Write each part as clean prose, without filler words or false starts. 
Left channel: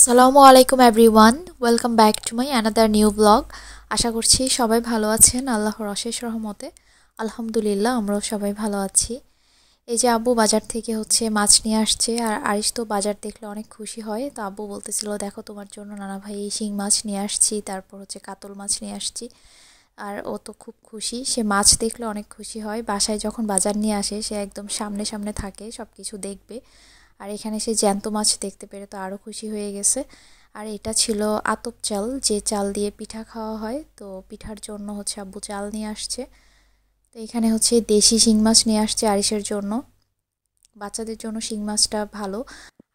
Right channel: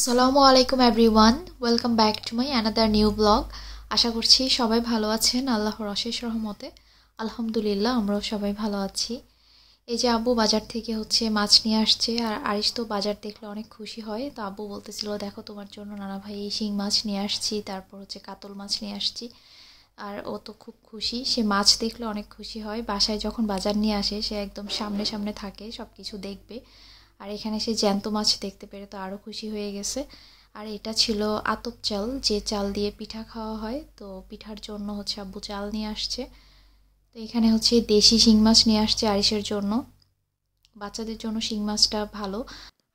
আসসালামু আলাইকুম everyone, welcome back to my another new blog. আশা করছি সবাই ভালো আছেন আল্লাহর অশেষ রহমতে। আলহামদুলিল্লাহ, আমরাও সবাই ভালো আছি। এই যে আব্বু বাজার থেকে মাছ নিয়ে আসছে, আর আরিশ তো বাজার দেখলে অনেক খুশি হয়। তো আব্বু বলতেছিল, দেখো তোমার জন্য নানা ভাই এই শিং মাছ নিয়ে আসছি, তারপর কাতল মাছ নিয়ে আসছি। আর ও তো খুব খুশি, সে মাছ দেখলে অনেক খুশি হয়। বাসায় যখন বাজার নিয়ে আসে সে একদম সামনে সামনে থাকে, সব কিছু দেখবে। আর এখানে সে জ্যান্ত মাছ দেখতে পেরে তো আরও খুশি হয়ে গেছে। আর এটা ছিল আতপ চাল, যে চাল দিয়ে পিঠা খাওয়া হয়। তো পিঠার জন্য আব্বু চাল নিয়ে আসছে। তো এখানে দেশি শিং মাছ নিয়ে আসছে আরিশের জন্য। বাচ্চাদের জন্য শিং মাছটা ভালো।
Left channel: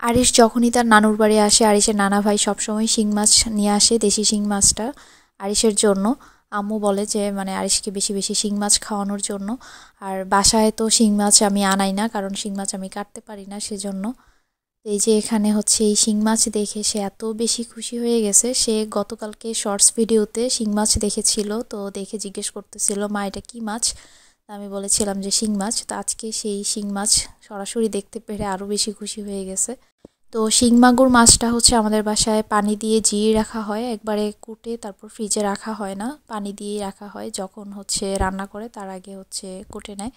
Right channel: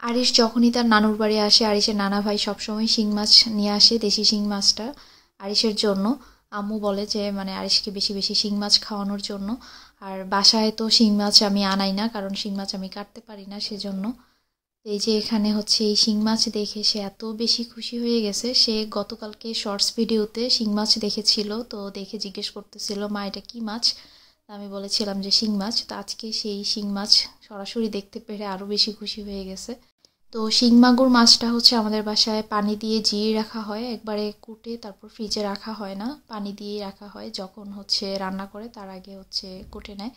আরিশ যখনই তার নানুর বাড়ি আসে, আরিশের নানা ভাই সবসময় শিং মাছ নিয়ে আসে, দেশি শিং মাছটা আরিশের জন্য। আম্মু বলে যে আরিশকে বেশি বেশি শিং মাছ খাওয়ানোর জন্য। আর বাসায় তো শিং মাছ আমি আনাই না, কারণ শিং মাছ আমি কাটতে পারি না, সেজন্য। এই যে এখানে এই শিং মাছ দেখে সে এত বেশি খুশি হয়ে গেছে। সে গতকালকে শর্টস ভিডিওতে শিং মাছ দেখেছিল, তো দেখে জিজ্ঞেস করতেছিল, মা এটা কি মাছ? আমি বলেছিলাম যে শিং মাছ। তো আজকে সেই শিং মাছ সরাসরি দেখতে পেরে আরও বেশি খুশি হয়ে গেছে। তো শিং মাগুর মাছটা আমাদের বাসায় পানি দিয়ে জিয়ে রাখা হয়, একবারে কুটে তারপর ফ্রিজে রাখা হয় না, পানি দিয়েই রাখা হয়। যখন রান্না করে তার আগে কুটে নেয়।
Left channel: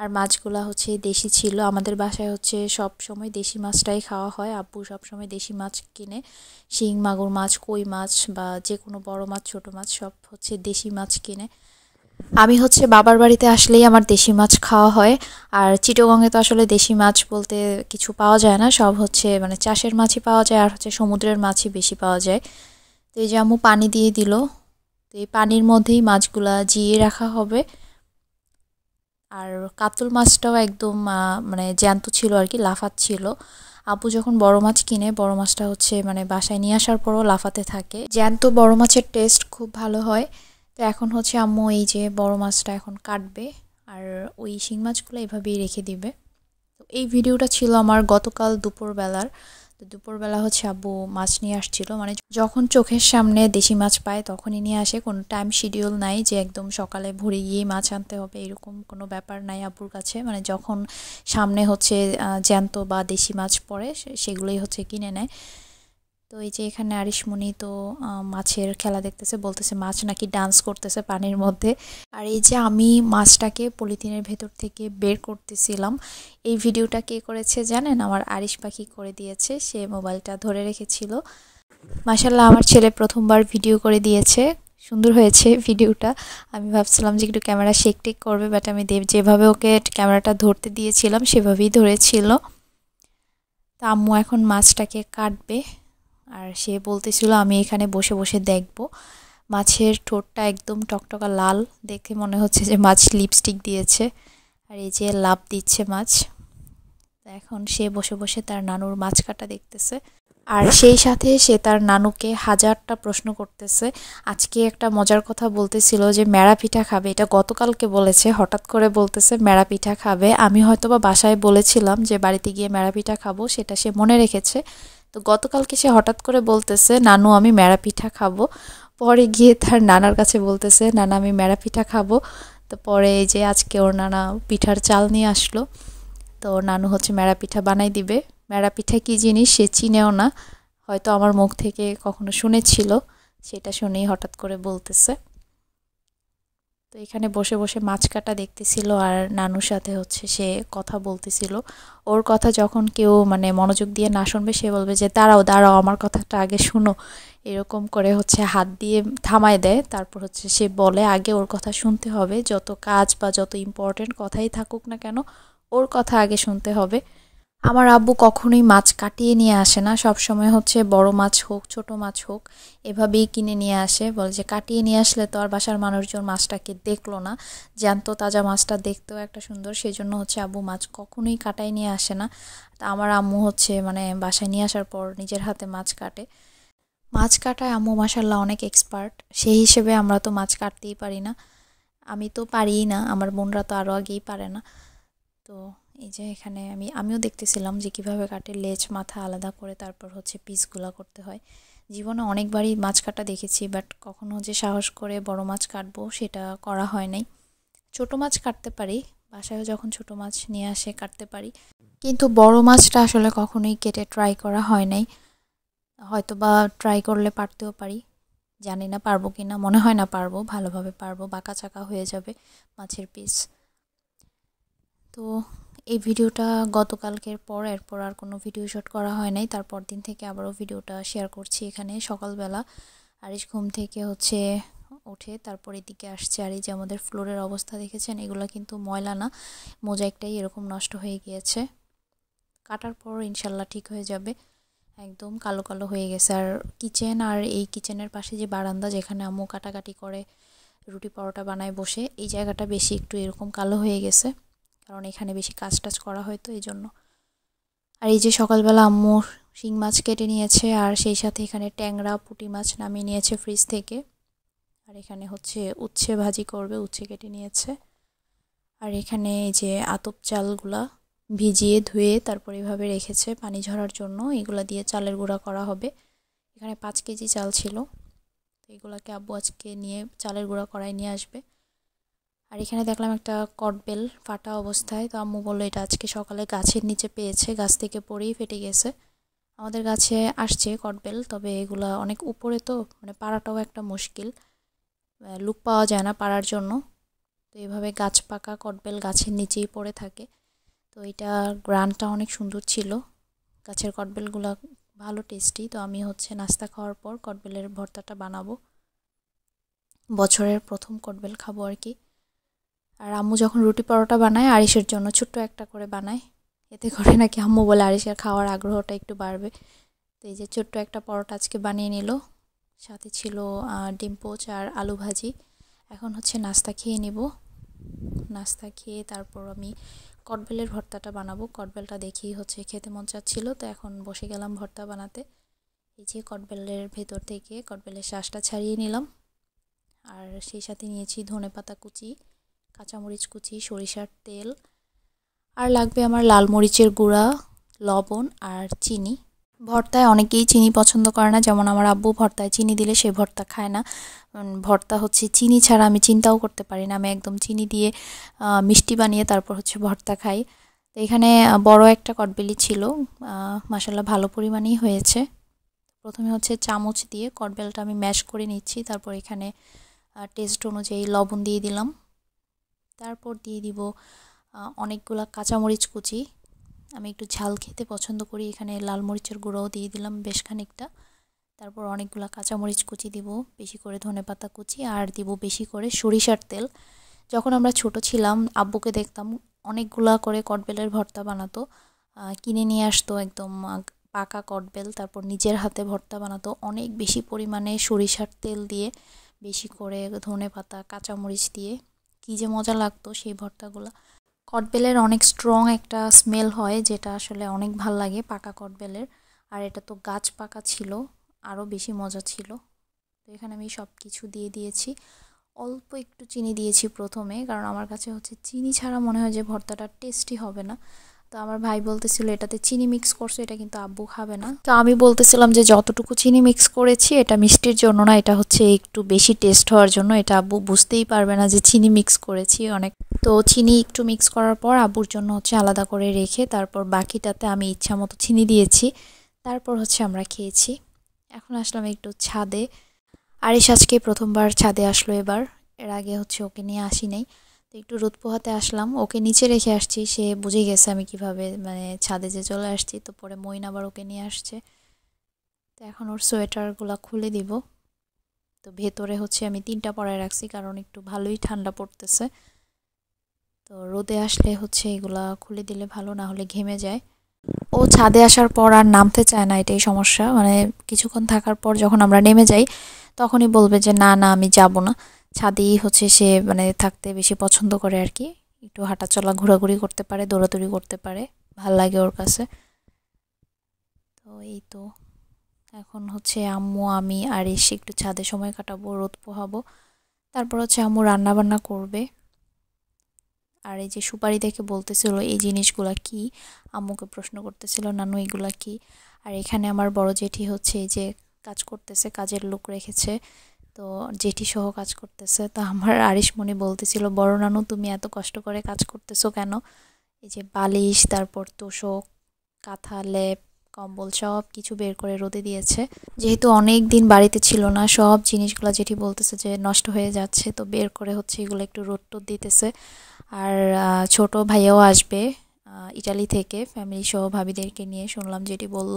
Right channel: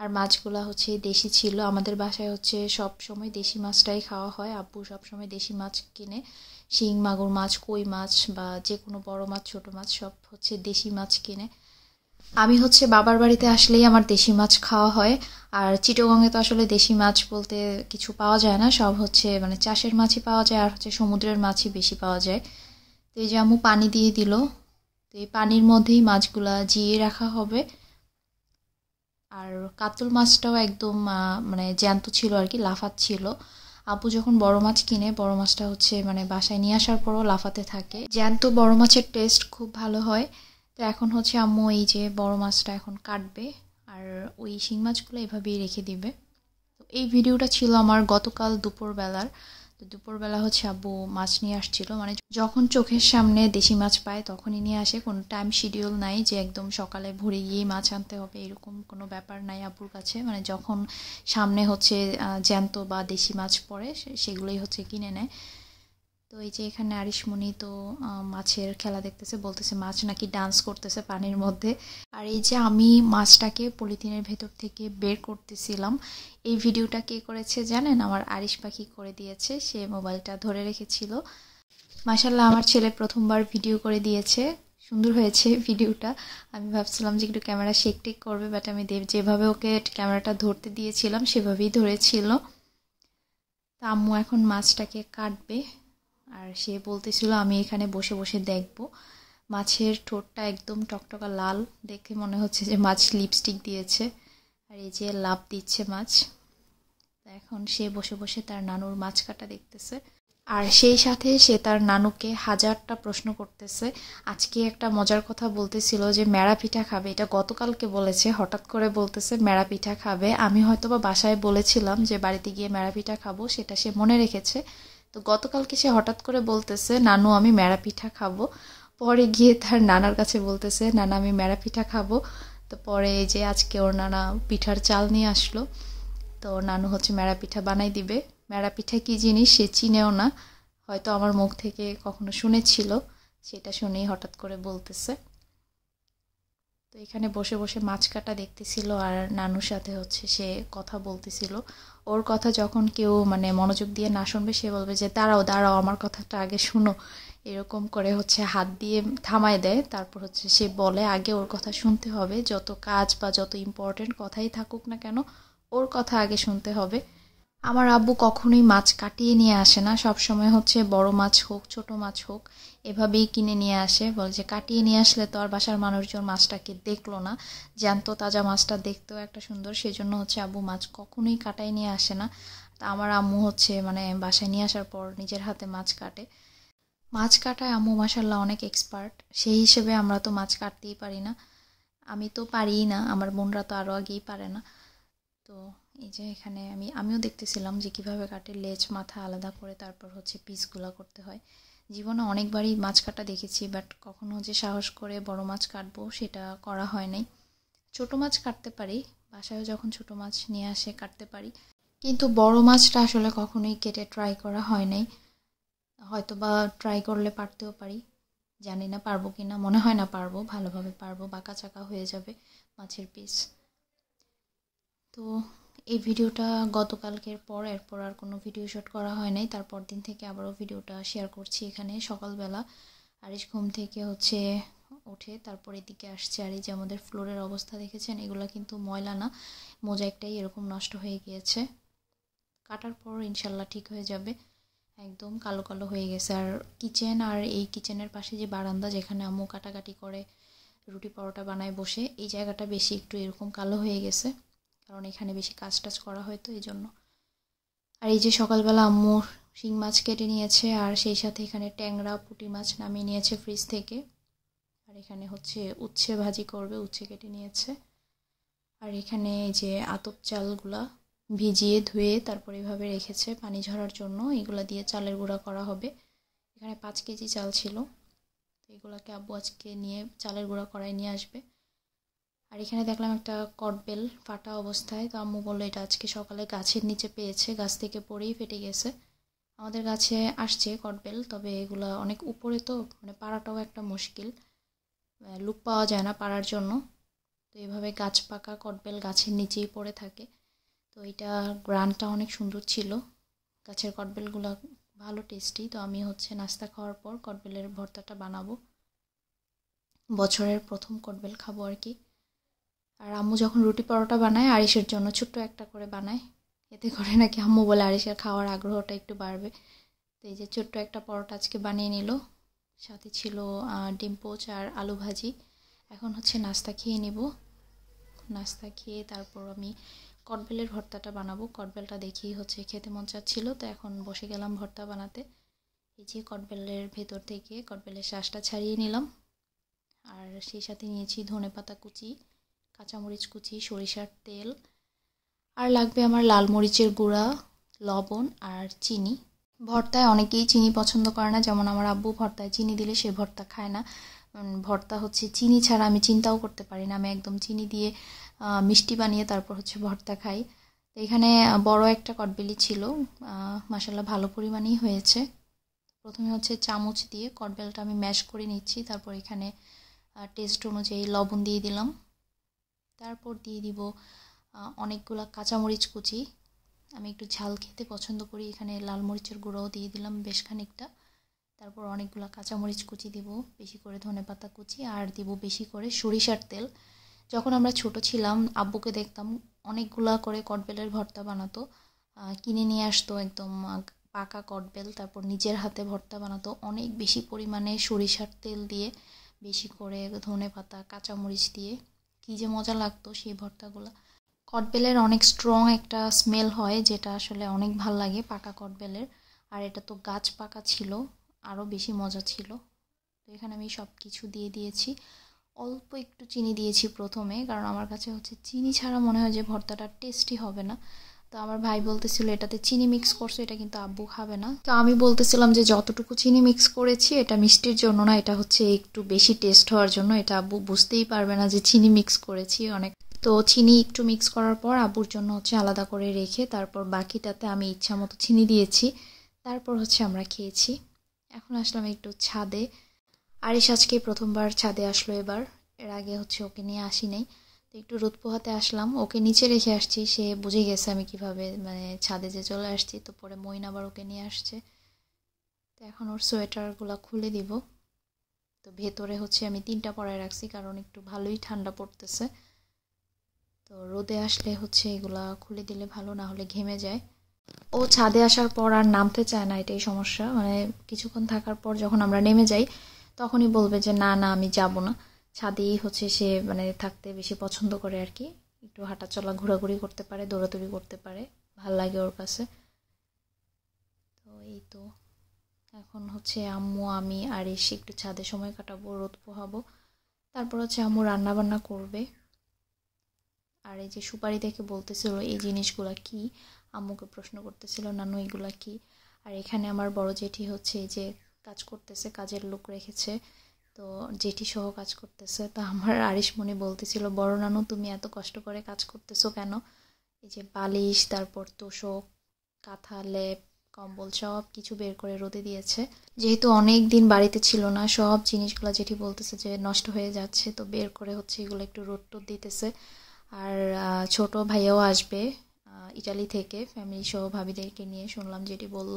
আর মাছগুলা দেশি ছিল। আমাদের বাসায় সব সময় দেশি মাছটাই খাওয়া হয়। আব্বু সব সময় দেশি মাছ কিনে, শিং মাগুর মাছ, কই মাছ বা যে কোনো বড় মাছ ছোট মাছ সব দেশি মাছ কিনে। আমি বাবার বাড়িতে আসলেই আমার দেশি মাছ খাওয়া হয়। আর চিটাগংয়ে তো আসলে দেশি মাছ বলতে কিছু পাওয়া যায় না, সব চাষের মাছই পাওয়া যায়, আর সমুদ্রের মাছই বেশি পাওয়া যায়। তো এই যে আম্মু পানি দিয়ে দিল, তো এই পানির মধ্যেই মাছগুলা জিয়ে রাখা হবে। আর কাতল মাছটাও একদম জ্যান্ত ছিল আর কি, লাফাচ্ছিল। আব্বু যখন বড় মাছ কিনে, বড় মাছটা বাসায় নিয়ে আসার পরও লাফাতে থাকে। জ্যান্ত বড় মাছের টেস্ট খুব ভালো হয়। তো এখন আম্মু এই যে বড় মাছটা এখন কাটবে, আর ওই শিং মাছগুলো এভাবেই রেখে দিবে। তো এই ভিডিওটা ছিল আমার গতকাল দুপুরবেলার। তো দুপুরবেলা আব্বু মাছ নিয়ে আসছিল, যখন চোখের সামনে দেশি মাছ পায় তখনই নিয়ে আসে। কোনো টাইম শিডিউল নাই যে একদম সকালে ভোরে গিয়ে মাছ আনতে হবে, এরকম কোনো ব্যাপার নাই আব্বুর কাছে। যখন সামনে জ্যান্ত বা দেশি মাছ পড়ে সেগুলোই কিনে নেয়। তো এই যে এখানে আরিশমণি তো মাছের খেলা দেখতেছে, বলতেছে মাছ নাকি ডান্স করতেছে পানির মধ্যে। আর এই যে আমি মাছটাকে পলিথিনের ভেতর থেকে বের করতেছিলাম, এই ভিডিওটা কে করেছে জানেন? আমার আরিশ পাখি করে দিয়েছে, সে মোবাইলটা ধরে রেখেছিল। মাশাআল্লাহ, আমার ছেলে প্রথমবার ভিডিও করে দিয়েছে, সুন্দর হয়েছে ভিডিওটা। আমি ভাবছিলাম যে একটু ক্যামেরা শেক টেক করবে, বাট আমি যেভাবে ওকে ক্যামেরাটা ধরতে দিয়েছিলাম সেভাবেই ধরেছিল। তা আম্মু এখন মাছটাকে কাটবে, আর সে বলতেছিল আমি এখানে বসে বসে দেখব। মাছের ঠোঁটটা একদম টকটকা লাল, দেখে মনে হচ্ছে যে মাছ লিপস্টিক দিয়েছে। আর এই যে লাভ দিচ্ছে মাছ। এখন সে বসে বসে তার নানুর মাছ কাটা দেখতেছে, আর সেই সাথে সে তার নানুকে হাজারটা প্রশ্ন করতেছে। আজকে একটা মজার কথা বলতেছিল যে মেরা পিঠা খাবে, এটা গতকালকে বলেছে, হঠাৎ করে বলতেছে মেরা পিঠা খাবে। আমি হয়তোবা বাসায় বলেছিলাম যে বাড়িতে গিয়ে মেরা পিঠা খাবো, সেটা সে মনে রেখেছে। তো গতকালকে সে হঠাৎ করে বলতেছে নানু আমি মেরা পিঠা খাবো। পরে গিয়ে তার নানার কাছে বলতেছে নানা আমি মেরা পিঠা খাবো। তো পরে এই যে আজকে ওর নানা পিঠার চাল নিয়ে আসলো, তো নানু মেরা পিঠা বানাই দিবে। মেরা পিঠা কী জিনিস সে চিনেও না, হয়তো আমার মুখ থেকে কখনো শুনেছিল, সেটা শুনেই হঠাৎ করে বলতেছে। তো এখানে বসে বসে মাছ কাটা দেখতেছিল, আর নানুর সাথে সে কথা বলতেছিল। ওর কথা যখন কেউ মনোযোগ দিয়ে না শুনবে, সে বলবে যে দাঁড়াও দাঁড়াও আমার কথাটা আগে শুনো, এরকম করে হাত দিয়ে থামায় দেয়। তারপর সে বলে আগে ওর কথা শুনতে হবে, যত কাজ বা যত ইম্পর্টেন্ট কথাই থাকুক না কেন ওর কথা আগে শুনতে হবে। আমার আব্বু কখনোই মাছ কাটিয়ে নিয়ে আসে না, সব সময় বড় মাছ হোক ছোট মাছ হোক এভাবেই কিনে নিয়ে আসে। বলে যে কাটিয়ে নিয়ে আসলে তো আর বাসার মানুষজন মাছটাকে দেখলো না, জ্যান্ত তাজা মাছটা দেখতেও একটা সুন্দর, সেজন্য আব্বু মাছ কখনোই কাটাই নিয়ে আসে না। তা আমার আম্মু বাসায় নিয়ে আসার পর নিজের হাতে মাছ কাটে। মাছ কাটায় আম্মু মাশাআল্লাহ অনেক এক্সপার্ট, সেই হিসেবে আমরা তো মাছ কাটতেই পারি না। আমি তো পারিই না, আমার বোনরা তো আরও আগেই পারে না। তো এই যে এখানে আমিও দেখতেছিলাম যে কিভাবে কাটে, লেজ মাথা আলাদা করে তারপর পিসগুলা করতে হয়। জীবনে অনেকবারই মাছ কাটা দেখেছি, বাট কখনো যে সাহস করে বড় মাছ কাটবো সেটা করা হয় নাই। ছোট মাছ কাটতে পারি, বাসায় যখন ছোট মাছ নিয়ে আসে কাটতে পারি, কিন্তু বড় মাছটা আসলে কখনোই কেটে ট্রাই করা হয় নাই। হয়তো বা ট্রাই করলে পারতেও পারি, জানি না পারবো কি না, মনে হয় না পারবো, ভালোভাবে পারবো, বাঁকা চাকা হয়ে যাবে মাছের পিস। তো এই ভিডিওটা গতকালকের পর এরপর আর কোনো ভিডিও শুট করা হয় নাই, তারপর দিন থেকে আবারও ভিডিওটা শেয়ার করছি এখানে। সকালবেলা আরিশ ঘুম থেকে ওঠে, তারপর এদিকে আসছে। আর এই যে আমাদের ফ্লোরের অবস্থা দেখেছেন, এগুলো কিন্তু ময়লা না, মোজাইকটাই এরকম নষ্ট হয়ে গিয়েছে। কাটার পর ইনশাল্লাহ ঠিক হয়ে যাবে। একদম কালো কালো হয়ে গেছে। আর কিচেন আর এই কিচেনের পাশে যে বারান্দা, যেখানে আম্মু কাটাকাটি করে রুটি পরোটা বানায় বসে, এই জায়গাটা বেশি একটু এরকম কালো হয়ে গেছে, কারণ এখানে বেশি কাজ টাজ করা হয় তো এই জন্য। আর এই যে সকালবেলা আম্মু শিং মাছ কেটে নিয়েছে, আর সেই সাথে এখানে ট্যাংরা পুঁটি মাছ নামিয়ে নিয়েছে ফ্রিজ থেকে। আর এখানে উচ্ছে ভাজি করবে, উচ্ছে কেটে নিয়েছে। আর এখানে এই যে আতপ চালগুলা ভিজিয়ে ধুয়ে তারপর এভাবে রেখেছে পানি ঝরার জন্য, এগুলা দিয়ে চালের গুঁড়া করা হবে। এখানে 5 কেজি চাল ছিল, তো এগুলাকে আব্বু আজকে নিয়ে চালের গুঁড়া করায় নিয়ে আসবে। আর এখানে দেখলাম একটা কটবেল ফাটা অবস্থায়, তো আম্মু বললো এটা আজকে সকালে গাছের নিচে পেয়েছে, গাছ থেকে পড়েই ফেটে গেছে। আমাদের গাছে আসছে কটবেল, তবে এগুলা অনেক উপরে, তো মানে পাড়াটাও একটা মুশকিল, লুক পাওয়া যায় না পাড়ার জন্য। তো এইভাবে গাছ পাকা কটবেল গাছের নিচেই পড়ে থাকে। তো এটা গ্রানটা অনেক সুন্দর ছিল, গাছের কটবেলগুলো ভালো টেস্টি। তো আমি নাস্তা খাওয়ার পর কটবেলের ভর্তাটা বানাবো, বছরের প্রথম কটবেল খাবো আর কি। আর আম্মু যখন রুটি পরোটা বানায় আরিশের জন্য ছোট্ট একটা করে বানায়, এতে করে নাকি আম্মু বলে আরিশের খাওয়ার আগ্রহটা একটু বাড়বে। তো এই যে ছোট্ট একটা পরোটা আজকে বানিয়ে নিল, সাথে ছিল ডিম পোচ আর আলু ভাজি। এখন নাস্তা খেয়ে নেব, নাস্তা খেয়ে তারপর আমি কটবেলের ভর্তাটা বানাবো। কটবেলটা দেখেই খেতে মন চাচ্ছিল, তো এখন বসে গেলাম ভর্তা বানাতে। এই যে কটবেলের ভেতর থেকে কটবেলের শাঁসটা ছাড়িয়ে নিলাম, আর সেই সাথে নিয়েছি ধনেপাতা কুচি, কাঁচামরিচ কুচি, সরিষার তেল, আর লাগবে আমার লাল মরিচের গুঁড়া, লবণ আর চিনি। ভর্তায় অনেকেই চিনি পছন্দ করে না, যেমন আমার আব্বু ভর্তায় চিনি দিলে সে ভর্তা খায় না। ভর্তা চিনি ছাড়া আমি চিন্তাও করতে পারি না, আমি একদম চিনি দিয়ে মিষ্টি বানিয়ে তারপর ভর্তা খাই। তো এখানে বড় একটা কটবেলি ছিল, মাশাল্লাহ ভালো পরিমাণেই হয়েছে। প্রথমে চামচ দিয়ে কটবেলটা আমি ম্যাশ করে নিচ্ছি, তারপর এখানে টেস্ট অনুযায়ী লবণ দিয়ে দিলাম, তারপর দিয়ে দিব অনেকগুলা কাঁচামরিচ কুচি। আমি একটু ঝাল খেতে পছন্দ করি, এখানে লাল মরিচের গুঁড়োও দিয়ে দিলাম বেশ খানিকটা। তারপর অনেকগুলা কাঁচামরিচ কুচি দিব, বেশি করে ধনেপাতা কুচি, আর দিব বেশি করে সরিষার তেল। যখন আমরা ছোট ছিলাম আব্বুকে দেখতাম অনেকগুলা করে কটবেলের ভর্তা বানাতো, কিনে নিয়ে আসতো একদম পাকা কটবেল, তারপর নিজের হাতে ভর্তা বানাতো অনেক বেশি পরিমাণে সরিষার তেল দিয়ে, বেশি করে ধনেপাতা কাঁচামরিচ দিয়ে। কী যে মজা লাগতো সেই ভর্তাগুলো। কটবেলের অনেক স্ট্রং একটা স্মেল হয়, যেটা আসলে অনেক ভাল লাগে পাকা কটবেলের। আর এটা তো গাছ পাকা ছিল, আরও বেশি মজা ছিল। তো এখানে আমি সব কিছু দিয়ে দিয়েছি, অল্প একটু চিনি দিয়েছি প্রথমে, কারণ আমার কাছে চিনি ছাড়া মনে হয় যে ভর্তাটা টেস্টি হবে না। তো আমার ভাই বলতেছিল এটাতে চিনি মিক্স করছো, এটা কিন্তু আব্বু খাবে না। তো আমি বলতেছিলাম যে যতটুকু চিনি মিক্স করেছি এটা মিষ্টির জন্য না, এটা একটু বেশি টেস্ট হওয়ার জন্য, এটা আব্বু বুঝতেই পারবে না যে চিনি মিক্স করেছি অনেক। তো চিনি একটু মিক্স করার পর আব্বুর জন্য আলাদা করে রেখে তারপর বাকিটাতে আমি ইচ্ছা মতো চিনি দিয়েছি, তারপর আমরা খেয়েছি। এখন আসলাম একটু ছাদে, আরিশ আজকে প্রথমবার ছাদে আসলো এবার, এর আগে ওকে নিয়ে আসি নাই। তো একটু রোদ পোহাতে আসলাম, ওকে নিচে রেখে আসছি, সে বুঝে গেছে আমি কিভাবে মানে ছাদে যে চলে আসছি। তো পরে মইন আবার ওকে নিয়ে আসছে, তো এখন ওর সোয়েটারগুলো খুলে দিব। তো ভেতরে আমি 3টা পরায় রাখছি, কারণ একটু ভালোই ঠান্ডা পড়তেছে। তো রোদে আসলে এগুলা খুলে দিলে ভালো, না হলে ঘেমে যায়। ও ছাদে আসার পর আর নামতে চায় না, এটাই সমস্যা। মানে কিছুক্ষণ থাকার পর যখন আমরা নেমে যাই তখনই বলবে যে না না আমি যাব না। ছাদেই সে মানে থাকতে বেশি পছন্দ করে আর কি, একটু হাঁটাচলা ঘোরাঘুরি করতে পারে, দৌড়াদৌড়ি করতে পারে, ভাল লাগে ওর কাছে। তো এই তো এখন আম্মু আমি আর এসে একটু ছাদে সময় কাটাবো, রোদ পোহাবো, তারপর আম্মু রান্না বান্না করবে। আর এই যে সুপারি দেখে বলতেছিল এই জিনিসগুলা কি, আম্মুকে প্রশ্ন করতেছিল নানু এগুলা কি। আর এখানে আমার বড় জেঠি এই যে কাজ করতেছে, কাজের লোক রেখেছে, তো জেঠি সহ কাজ করতেছে। তো আমার আরিশমণি বলতেছিল বড় নানু তুমি এত কষ্ট করে কাজ করতেছো কেন, এই যে বালিশ, তারপর তোষক, কাঁথা, লেপ, কম্বল সব কিছু বের করে রোদে দিয়েছে। যেহেতু অনেক দিন বাড়িতে ছিল না, সব জিনিসগুলো যেটি বলতেছে যে নষ্ট হয়ে যাচ্ছে, তো বের করে হচ্ছে এগুলো একটু রোদ টোদ দিতেছে। আর ছোট ভাইয়াও আসবে ইটালি থেকে, ফ্যামিলি সহ ভাবিদেরকে নিয়ে, শুনলাম যেটি বলল।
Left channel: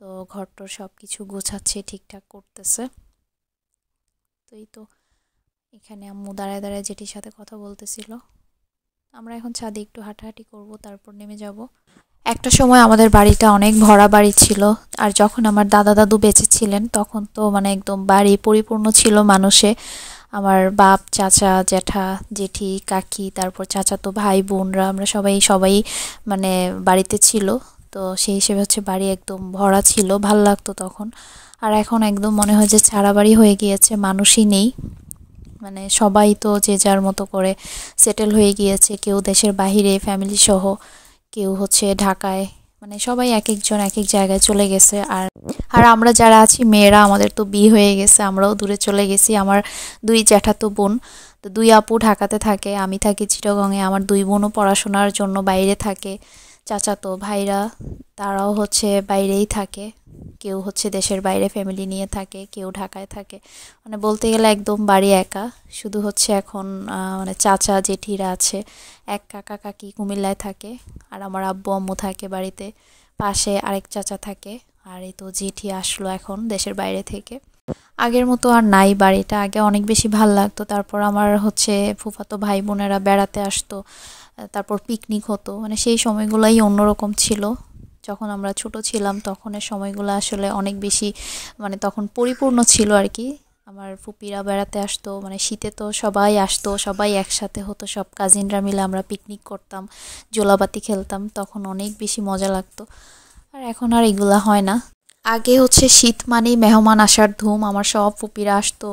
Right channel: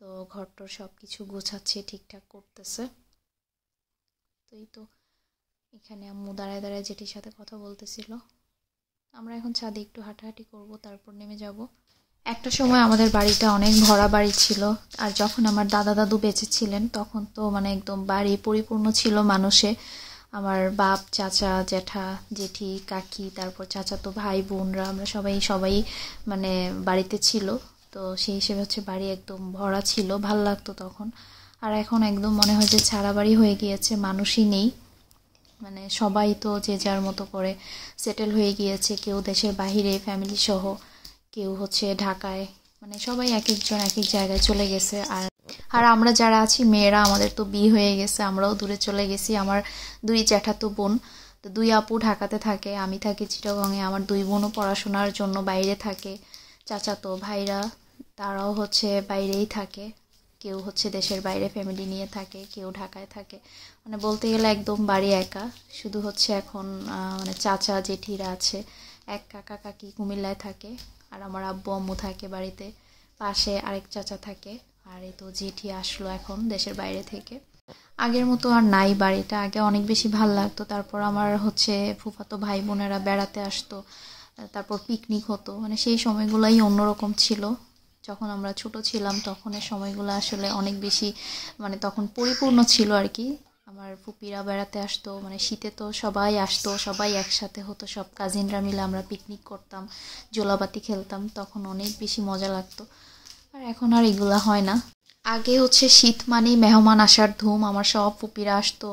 তো ঘরটোর সব কিছু গোছাচ্ছে, ঠিকঠাক করতেছে। তো এই তো এখানে আম্মু দাঁড়ায় দাঁড়ায় যেটির সাথে কথা বলতেছিল। আমরা এখন ছাদে একটু হাঁটাহাঁটি করব, তারপর নেমে যাব। একটা সময় আমাদের বাড়িটা অনেক ভরা বাড়ি ছিল, আর যখন আমার দাদা দাদু বেঁচে ছিলেন তখন তো মানে একদম বাড়ি পরিপূর্ণ ছিল মানুষে। আমার বাপ, চাচা, জ্যাঠা, জেঠি, কাকি, তারপর চাচাতো ভাই বোনরা, আমরা সবাই মানে বাড়িতে ছিল। তো সেই হিসেবে হচ্ছে বাড়ি একদম ভরা ছিল, ভাল লাগতো তখন। আর এখন একদম মনে হয় যে ছাড়া বাড়ি হয়ে গিয়েছে, মানুষই নেই। মানে সবাই তো যে যার মতো করে সেটেল হয়ে গিয়েছে, কেউ দেশের বাহিরে ফ্যামিলি সহ, কেউ হচ্ছে ঢাকায়, মানে সবাই এক একজন এক এক জায়গায় চলে গেছে। আর আমরা যারা আছি মেয়েরা, আমাদের তো বিয়ে হয়ে গেছে, আমরাও দূরে চলে গেছি। আমার 2 জ্যাঠাতো বোন, তো 2 আপু ঢাকাতে থাকে, আমি থাকি চিটাগংয়ে। আমার 2 বোনও পড়াশোনার জন্য বাইরে থাকে। চাচাতো ভাইরা তারাও হচ্ছে বাইরেই থাকে, কেউ হচ্ছে দেশের বাইরে ফ্যামিলি নিয়ে থাকে, কেউ ঢাকায় থাকে। মানে বলতে গেলে একদম বাড়ি একা। শুধু হচ্ছে এখন মানে চাচা জেঠিরা আছে, এক কাকা কাকি কুমিল্লায় থাকে, আর আমার আব্বু আম্মু থাকে বাড়িতে। পাশে আরেক চাচা থাকে। আর এই তো জেঠি আসলো এখন দেশের বাইরে থেকে। আগের মতো আর নাই বাড়িটা, আগে অনেক বেশি ভাল লাগতো। তারপর আমার হচ্ছে ফুফাতো ভাই বোনেরা বেড়াতে আসতো, তারপর পিকনিক হতো, মানে সেই সময়গুলোই অন্যরকম ছিল। যখন আমরা ছোট ছিলাম তখনের সময়গুলো আসলে অনেক বেশি, মানে তখন পরিপূর্ণ ছিল আর কি। আমার ফুপিরা বেড়াতে আসতো, মানে শীতে তো সবাই আসতো, সবাই একসাথে হতো, সব কাজিনরা মিলে আমরা পিকনিক করতাম, জোলাবাতি খেলতাম, তখন অনেক বেশি মজা লাগতো। আর এখন আর এগুলা হয় না। আগে হচ্ছে শীত মানেই মেহমান আসার ধুম, আমার সব ফুপিরা আসতো,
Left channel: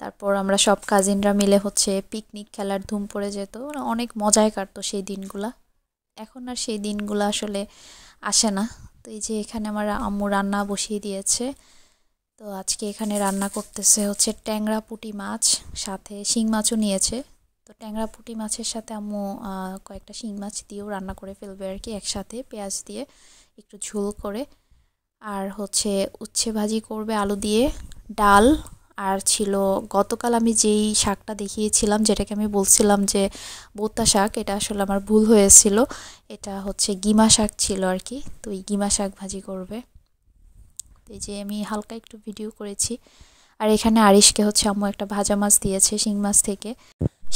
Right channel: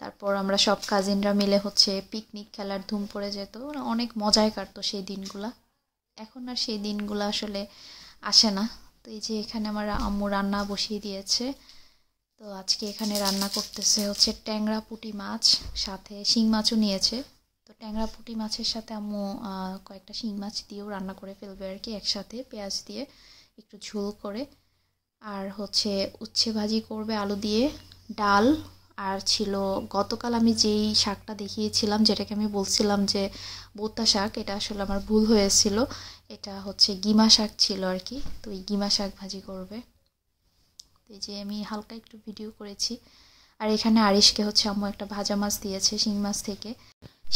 তারপর আমরা সব কাজিনরা মিলে হচ্ছে পিকনিক খেলার ধুম পড়ে যেত, অনেক মজায় কাটতো সেই দিনগুলা। এখন আর সেই দিনগুলো আসলে আসে না। তো এই যে এখানে আমার আম্মু রান্না বসিয়ে দিয়েছে। তো আজকে এখানে রান্না করতেছে হচ্ছে ট্যাংরা পুঁটি মাছ, সাথে শিং মাছও নিয়েছে। তো ট্যাংরা পুঁটি মাছের সাথে আম্মু কয়েকটা শিং মাছ দিয়েও রান্না করে ফেলবে আর কি, একসাথে পেঁয়াজ দিয়ে একটু ঝোল করে। আর হচ্ছে উচ্ছে ভাজি করবে আলু দিয়ে, ডাল। আর ছিল গতকাল আমি যেই শাকটা দেখিয়েছিলাম, যেটাকে আমি বলছিলাম যে বোতা শাক, এটা আসলে আমার ভুল হয়েছিল, এটা হচ্ছে গিমা শাক ছিল আর কি। তো এই গিমা শাক ভাজি করবে। এই যে আমি হালকা একটু ভিডিও করেছি। আর এখানে আরিশকে হচ্ছে আম্মু একটা ভাজা মাছ দিয়েছে শিং মাছ থেকে।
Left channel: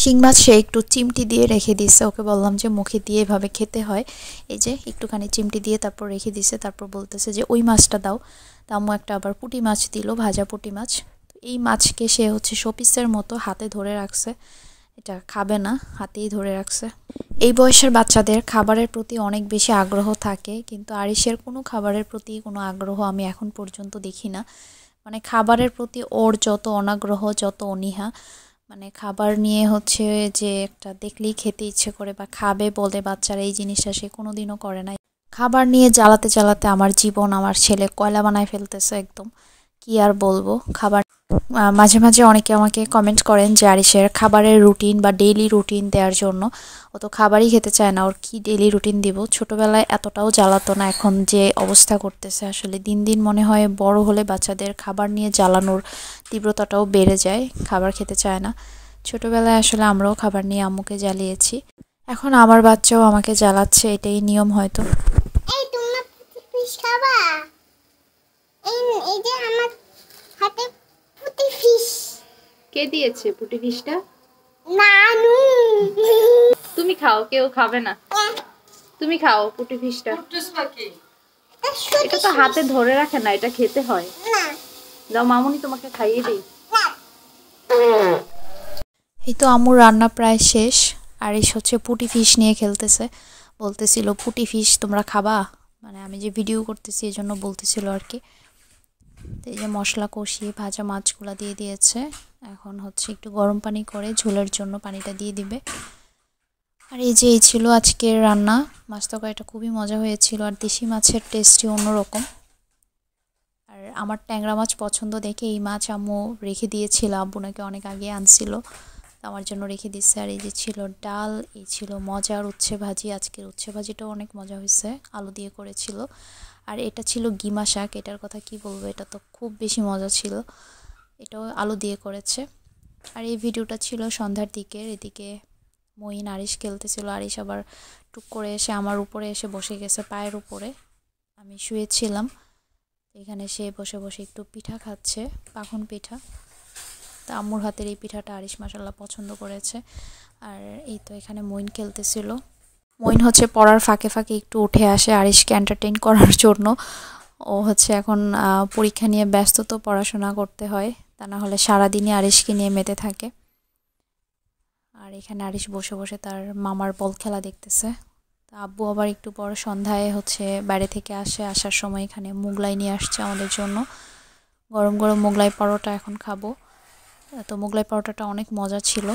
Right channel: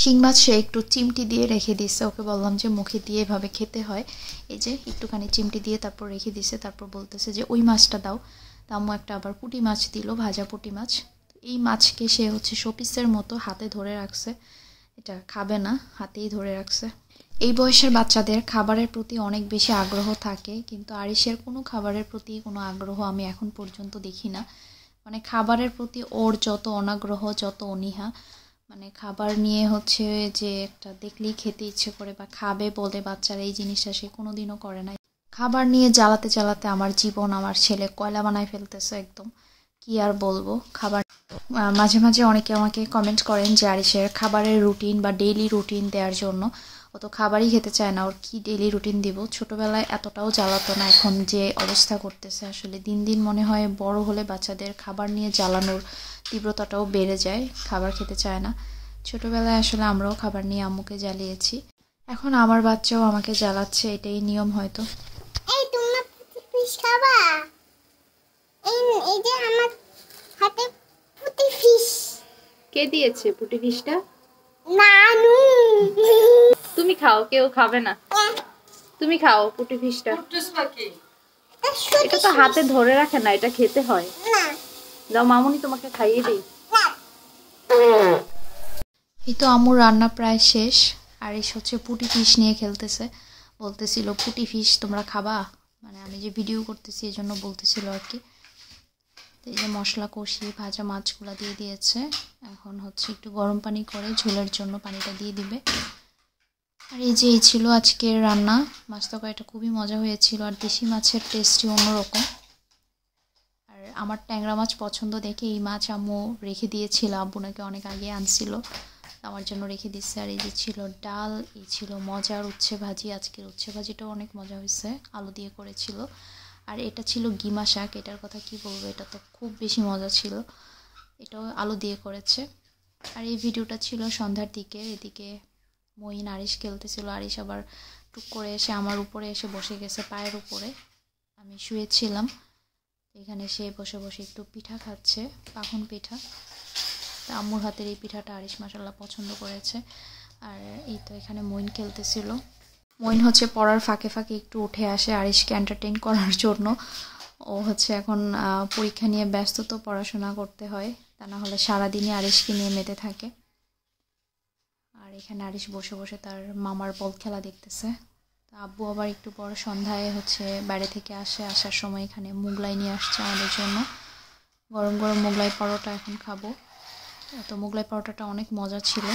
শিং মাছ সে একটু চিমটি দিয়ে রেখে দিচ্ছে, ওকে বললাম যে মুখে দিয়ে এভাবে খেতে হয়। এই যে একটুখানি চিমটি দিয়ে তারপর রেখে দিছে, তারপর বলতেছে যে ওই মাছটা দাও। তা আম্মু একটা আবার পুঁটি মাছ দিল, ভাজা পুঁটি মাছ। এই মাছকে সে হচ্ছে শোপিসের মতো হাতে ধরে রাখছে, এটা খাবে না, হাতেই ধরে রাখছে। এই বয়সের বাচ্চাদের খাবারের প্রতি অনেক বেশি আগ্রহ থাকে, কিন্তু আরিশের কোনো খাবারের প্রতি কোনো আগ্রহ আমি এখন পর্যন্ত দেখি না। মানে খাবারের প্রতি ওর যত অনাগ্রহ, যত অনীহা, মানে খাবার নিয়ে হচ্ছে যে একটা দেখলেই খেতে ইচ্ছে করে বা খাবে বলে বাচ্চারা, এই জিনিসটা সে কোনোদিনও করে না। খাবার নিয়ে জ্বালাতে জ্বালাতে আমার জীবন, আমার ছেলে কয়লা বানায় ফেলতেছে একদম, কি আর বলবো। খাবার মাঝে মাঝে অনেকে আমাকে কমেন্ট করেন যে আরিশের খাবারের রুটিন বা ডেইলি রুটিন দেওয়ার জন্য। ও তো খাবারই খেতে চায় না, ওর কি ডেইলি রুটিন দিব। ছোটোবেলায় এতটাও জ্বালাতো না, এখন যে অবস্থা করতেছে আসলে দিন দিন মনে হয় বড় হলে বাচ্চাদের খাবার নিয়ে জ্বালানোর তীব্রতাটাও বেড়ে যায়, খাবার খেতে চায় না। ছোটোবেলায় আসলে আমরাও খাবার নিয়ে আম্মুকে জ্বালিয়েছি, এখন আমার বাচ্চাও আমাকে জ্বালাচ্ছে, এটাই নিয়ম হয়তো। এই তোমরা ফিশ খাবা? এই যে আমার হাতে পুঁটি ফিশ। কে দিয়েছে পুঁটি ফিশটা? নানু। তুমি খাও, কেউ খাবে না। তুমি খাও পুঁটি ফিশটা। এটা তো হাতে ধরে রাখে না, এটা খেতে হয়। দাও মামুনি তোমাকে খাইয়ে দিই। এই তো আম্মুর রান্না প্রায় শেষ। আরিশ হচ্ছে পুঁটি ফিশ নিয়ে খেলতেছে, বলতেছিল পুঁটি ফিশ তোমরা খাবা, মানে আমি যে ভিডিও করতেছি এই জন্য বলতেছিল আর কি। এই যে মশলা কষিয়ে ভাজা মাছগুলো দিয়ে দিয়েছে, এখন হচ্ছে একটু গরম পানি করে ঝোলের জন্য পানিটা দিয়ে দিবে। আর এই যে এই ছিল আজকের রান্না। মাছ তরকারিটা খুবই মজা হয়েছিল, আর দেশি মাছের টেস্টই অন্যরকম। আর আমার ট্যাংরা মাছ পছন্দ দেখে এই মাছ আম্মু রেখে দিয়েছিল, আব্বু নাকি অনেক আগে আনছিল, আমার জন্য রেখে দিচ্ছে। আর এই যে ছিল ডাল, এই ছিল মজার উচ্ছে ভাজি, আজকের উচ্ছে ভাজিটাও অনেক মজা হয়েছে, আলু দিয়ে করেছিল। আর এটা ছিল গিমা শাক, এটার কথা কি বলবো, এটা তো খুব বেশি মজা ছিল। এটাও আলু দিয়ে করেছে। আর এই ভিডিওটা ছিল সন্ধ্যার দিকে। এদিকে মঈন আরিশ খেলতেছিল। আরিশ আবার টুক করে এসে আমার উপরে এসে বসে গেছে, পায়ের উপরে। আমি শুয়েছিলাম, এখানে সে বসে বসে একটু পিঠা খাচ্ছে, পাখন পিঠা। তা আম্মুর হাতের এই পিঠাটা আরিশ মাশাআল্লাহ পছন্দ করেছে। আর এই তো এখানে মঈন খেলতেছিল। মঈন হচ্ছে পড়ার ফাঁকে ফাঁকে একটু উঠে আসে আরিশকে এন্টারটেইন করার জন্য। ও হচ্ছে এখন পরীক্ষা নিয়ে ব্যস্ত, তো পড়াশোনা করতে হয়, তা না হলে সারাদিনই আরিশকে নিয়ে মেতে থাকে। আর এখানে আরিশ বসে বসে তার মামার বল খেলা দেখতেছে। তা আব্বু আবার একটু পর সন্ধ্যায় হচ্ছে বাইরে থেকে আসার সময় এখানে মোগলাই নিয়ে আসছে আমাদের জন্য। গরম গরম মোগলাই পরোটা এখন খাবো। তো মোগলাই পরোটাটা অনেক মজা ছিল।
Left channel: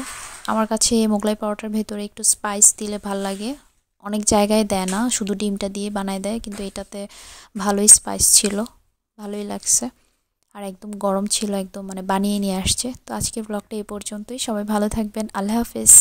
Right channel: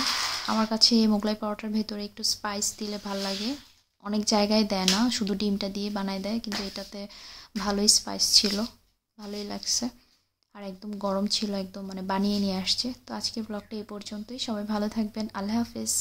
আমার কাছে এই মোগলাই পরোটার ভেতরে একটু স্পাইস দিলে ভাল লাগে। অনেক জায়গায় দেয় না, শুধু ডিমটা দিয়ে বানায় দেয়, কিন্তু এটাতে ভালোই স্পাইস ছিল, ভালোই লাগছে। আর একদম গরম ছিল, একদম মানে বানিয়ে নিয়ে আসছে। তো আজকের ব্লগটা এই পর্যন্তই। সবাই ভালো থাকবেন। আল্লাহ হাফেজ।